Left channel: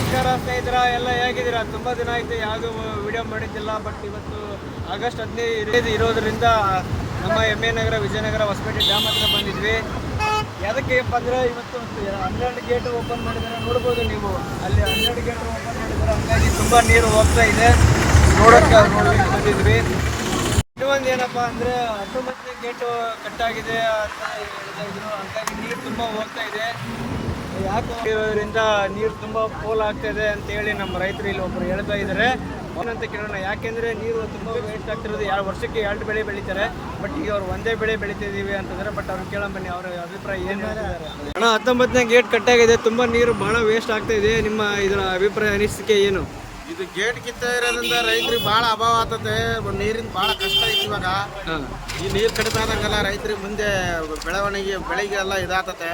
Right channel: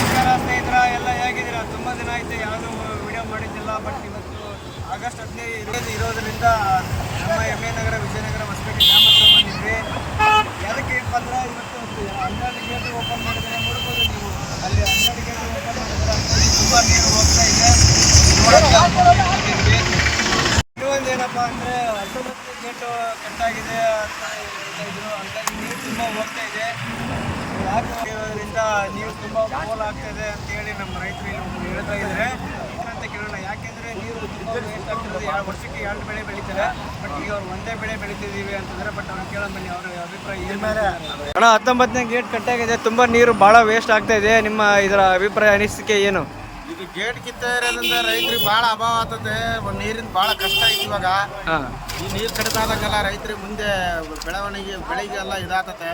ನಮಸ್ಕಾರ ಸ್ನೇಹಿತರ, ಎಲ್ಲ ಹೇಗಿದ್ದೀರಾ? ತುಂಬ ದಿನ ಆಯಿತು ಯಾವುದು ವಿಡಿಯೋ ಮಾಡಿದ್ದಿಲ್ಲ. ಬಟ್ ಇವತ್ತು ಆಗಸ್ಟ್ 15 ಇರೋದ್ರಿಂದ ನಮ್ಮ ಎಮ್ಮೆ ನಗರ, ವಿಜಯನಗರ, ಹೊಸಪೇಟೆ ಡ್ಯಾಮ್ ಹತ್ರ ಬಂದಿದ್ವಿ. ಯಾವುದಕ್ಕೆಪ್ಪ ಅಂದರೆ ಇವತ್ತು 12 ಗೇಟ್ ಓಪನ್ ಮಾಡಿದ್ದಾರೆ. ನೋಡ್ಬೋದು ನೀವು, ಅಲ್ಲಿ 12 ಗೇಟ್ ಓಪನ್ ಮಾಡಿದ್ದಾರೆ. ಹಂಗಾಗಿ ತುಂಬ ನೀರು ಹೋಗ್ತಾ ಇದೆ. ನೋಡೋಕ್ಕೆ ಬಂದಿದ್ವಿ. ಇನ್ನೊಂದು ಏನಪ್ಪ ಅಂದರೆ 19ನೇ ಗೇಟು ಕಟ್ಟಾಗಿದೆ ಅಂತ ಹೇಳ್ತಾ ಇದ್ರು. ಹಂಗಾಗಿ ನೀರು ತುಂಬ ಹೋಗ್ತಾ ಇದೆ. ಯಾಕೆ ಇರೋದ್ರಿಂದ ನೀರು ತುಂಬ ಪೋಲ್ ಆಗ್ತಾ ಇದೆ ಅಂತೇಳಿ ನಮ್ಮ ರೈತರು ಇಲ್ಲಿ ಒಬ್ಬರು ಹೇಳ್ತಾ ಇದ್ದಾರೆ. ಅವನಂತ ಕೇಳೋಣ. ಯಾಕೆಂದರೆ ನೀರು ತುಂಬ ವೇಸ್ಟ್ ಆಗ್ತಿರೋದು. ವರ್ಷಕ್ಕೆ 2 ಬೆಳೆ ಬೆಳೀತಾರೆ. ಬಟ್ ಈಗ ಅವ್ರು ಒಂದೇ ಬೆಳೆ ಬೆಳಿತಿದ್ದೀವಿ ಅಂತಂದರೆ. ಬಟ್ ಅವ್ರನ್ನ ಕೇಳೋಣ ಬನ್ನಿ, ಅವರ ಅಭಿಪ್ರಾಯ ಏನು ಹೇಳ್ತಿದ್ದಾರೆ. ಅಣ್ಣ, 19ನೇ ಗೇಟ್ ಕಟ್ಟಾಗಿದೆ, ತುಂಬ ನೀರು ಭಾಳ ವೇಸ್ಟ್ ಆಗ್ತಾ ಇದೆ. ನಿಮ್ಮ ಇದರ ಅಭಿಪ್ರಾಯ, ಅನಿಸಿಕೆ ಏನು? ಇದು ಗೇಟ್ ಕಿತ್ತ ಇರೋದ್ರಿಂದ ರೈತರಿಗೆ ಭಾಳ ಅಭಾವ ಆಗ್ತದೆ. ನೀರಿಂದ ಭಾಳ ಕಷ್ಟ ಐತಿ ಇವಾಗ. ಈ ನೀರು ಕಡಿಮೆ ಆದಂಗೆಲ್ಲ ರೈತರಿಗೆ ಮುಂದೆ ಬೆಳೆಗೆ ಎಲ್ಲ ಇದಾಗ್ತತೆ.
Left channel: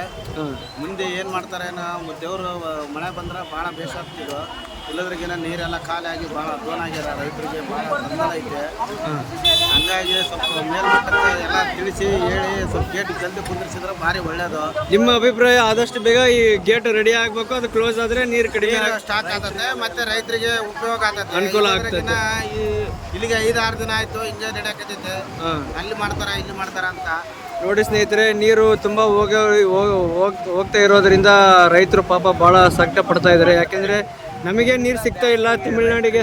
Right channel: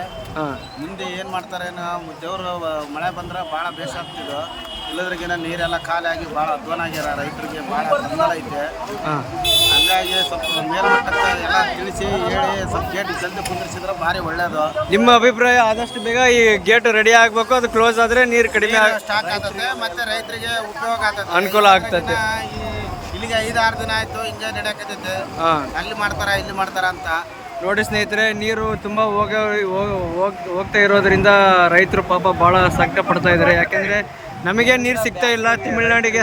ಮುಂದೆ ಏನು ಮಾಡ್ತಾರೇನೋ, ದೇವ್ರು ಮಳೆ ಬಂದ್ರೆ ಭಾಳ ಬೇಸ ಆಗ್ತಿದ್ದು. ಇಲ್ಲದ್ರಿಗಿನ ನೀರೆಲ್ಲ ಖಾಲಿ ಆಗಿ ಭಾಳ ಅಧ್ವಾನ ಆಗ್ಯಾರ. ರೈತರಿಗೆ ಭಾಳ ಗೊಂದಲ ಐತೆ. ಹಂಗಾಗಿ ಸ್ವಲ್ಪ ಮೇಲ್ಮಟ್ಟಕ್ಕೆ ಎಲ್ಲ ತಿಳಿಸಿ ಹೇಳಿ ಸ್ವಲ್ಪ ಗೇಟ್ ಜಲ್ದಿ ಕುಂದಿರಿಸಿದ್ರೆ ಭಾರಿ ಒಳ್ಳೇದು. ನಿಮ್ಮ ಅಭಿಪ್ರಾಯ? ಆದಷ್ಟು ಬೇಗ ಈ ಗೇಟ್ ರೆಡಿ ಆಗಬೇಕು. ಅದು ಕ್ಲೋಸ್ ಆದರೆ ನೀರು ಕಡಿಮೆ ಸ್ಟಾಕ್ ಆಗ್ತದೆ, ಮತ್ತೆ ರೈತರಿಗೆ ಉಪಯೋಗ ಆಗ್ತದೆ, ಅನುಕೂಲ ಆಗ್ತದೆ. ಇಲ್ಲಿಗೆ 5-6 ದಿನ ಆಯ್ತು ಹಿಂಗೆ ನಡೆಯಕತ್ತೈತೆ. ಅಲ್ಲಿ ಮಾಡ್ತಾರ ಇಲ್ಲಿ ಮಾಡ್ತಾರ ಅಂತ. ನೋಡಿ ಸ್ನೇಹಿತರೆ, ನೀರು ತುಂಬ ಹೋಗ್ತಾ ಇರೋದ್ರಿಂದ ರೈತರು ಪಾಪ ಭಾಳ ಸಂಕಟ ಪಡ್ತಾ ಇದ್ದಾರೆ. ಯಾಕೆಂದರೆ ನಮಗೆ ನೀರು ಸಿಗ್ತಾ ಇಲ್ಲ. ತಮಿಳ್ನಾಡಿಗೆ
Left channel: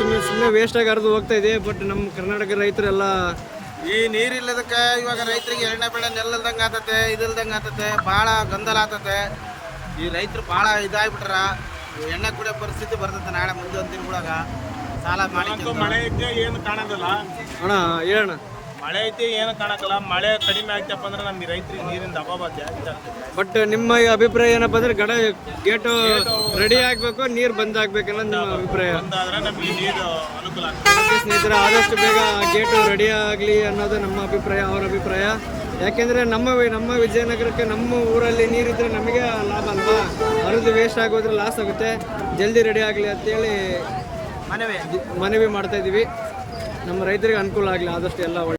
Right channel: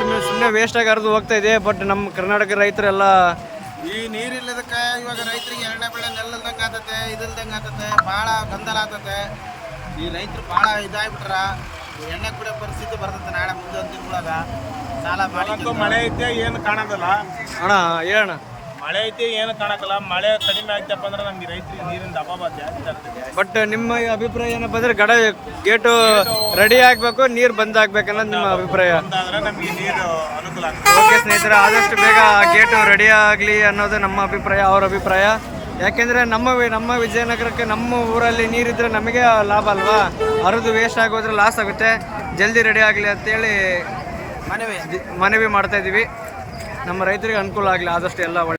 ಸುಮ್ಮನೆ ವೇಸ್ಟಾಗಿ ಹರಿದು ಹೋಗ್ತಾ ಇದೆ. ಬಟ್ ನಮ್ಮ ಕರ್ನಾಟಕ ರೈತರೆಲ್ಲ ಈ ನೀರಿಲ್ಲದಕ್ಕೆ ಇವಾಗ ರೈತರಿಗೆ ಎಣ್ಣೆ ಬೆಳೆ ನೆಲ್ಲದಂಗೆ ಆತತೆ, ಇದಿಲ್ದಂಗೆ ಆತತೆ, ಭಾಳ ಗೊಂದಲ ಆತತೆ. ಈ ರೈತರು ಭಾಳ ಇದಾಗ್ಬಿಟ್ರ. ಎಣ್ಣೆ ಕುಡಿಯೋ ಪರಿಸ್ಥಿತಿ ಬರ್ತದೆ ನಾಳೆ ಮುಂದೆ ಒಂದು ದಿನಗಳಾಗ. ಸಾಲ ಮಾಡಿ ಮಳೆ ಐತೆ ಏನು ಕಾಣೋದಿಲ್ಲ ಅಣ್ಣ, ಹೇಳೋಣ. ಮಳೆ ಐತಿ ಏನು ಕಾಣಕ್ಕಲ್ಲ. ಮಳೆ ಕಡಿಮೆ ಆಗ್ತಪ್ಪ ಅಂದ್ರೆ ನಮ್ಗೆ ರೈತರಿಗೆ ನೀರಿಂದ ಅಭಾವ ಜಾಸ್ತಿ ಆಗ್ತದೆ. ಬಟ್ ನಿಮ್ಮ ಅಭಿಪ್ರಾಯ ಏನಪ್ಪ ಅಂದ್ರೆ ಗೇಟು ರೆಡಿ ಆಗ್ಬೇಕು, ನೀರು ಬಂದ್ ಆಗ್ಬೇಕಲ್ಲ ನಿಮ್ಮ ಅಭಿಪ್ರಾಯ? ಬಂದಾದ್ರೆ ನಮಗೆ ನೀರು ಅನುಕೂಲ ಆಗ್ತದೆ. ಓಕೆ ಸ್ನೇಹಿತರೆ, ಆದಷ್ಟು ಬೇಗ ಗೇಟು ರೆಡಿ ಆಗಲಿ ಅನ್ನೋದು ನಮ್ಮ ಅಭಿಪ್ರಾಯ, ಅವ್ರ ಅಭಿಪ್ರಾಯ. ಯಾಕೆಂದರೆ ನಮ್ಮ ವಿಜಯನಗರಕ್ಕೆ, ನಮ್ಮ ಊರಲ್ಲಿ ನೀರಿದ್ರೆ ನಮಗೆ ಲಾಭ ಅಲ್ವಾ? ಹರಿದು ವೇಸ್ಟ್ ಆಗೋದ್ರೆ ಲಾಸ್ ಆಗುತ್ತೆ. ಜಲ್ದಿ ರೆಡಿ ಆಗಲಿ ಅಂತೇಳಿ ಮನವಿ ಮಾಡ್ತಾ ಇದ್ದೀವಿ. ನಮ್ಮ ರೈತರಿಗೆ ಅನುಕೂಲ ಆಗಲಿ ಆದಷ್ಟು ಎಲ್ಲ ಒಳ್ಳೆ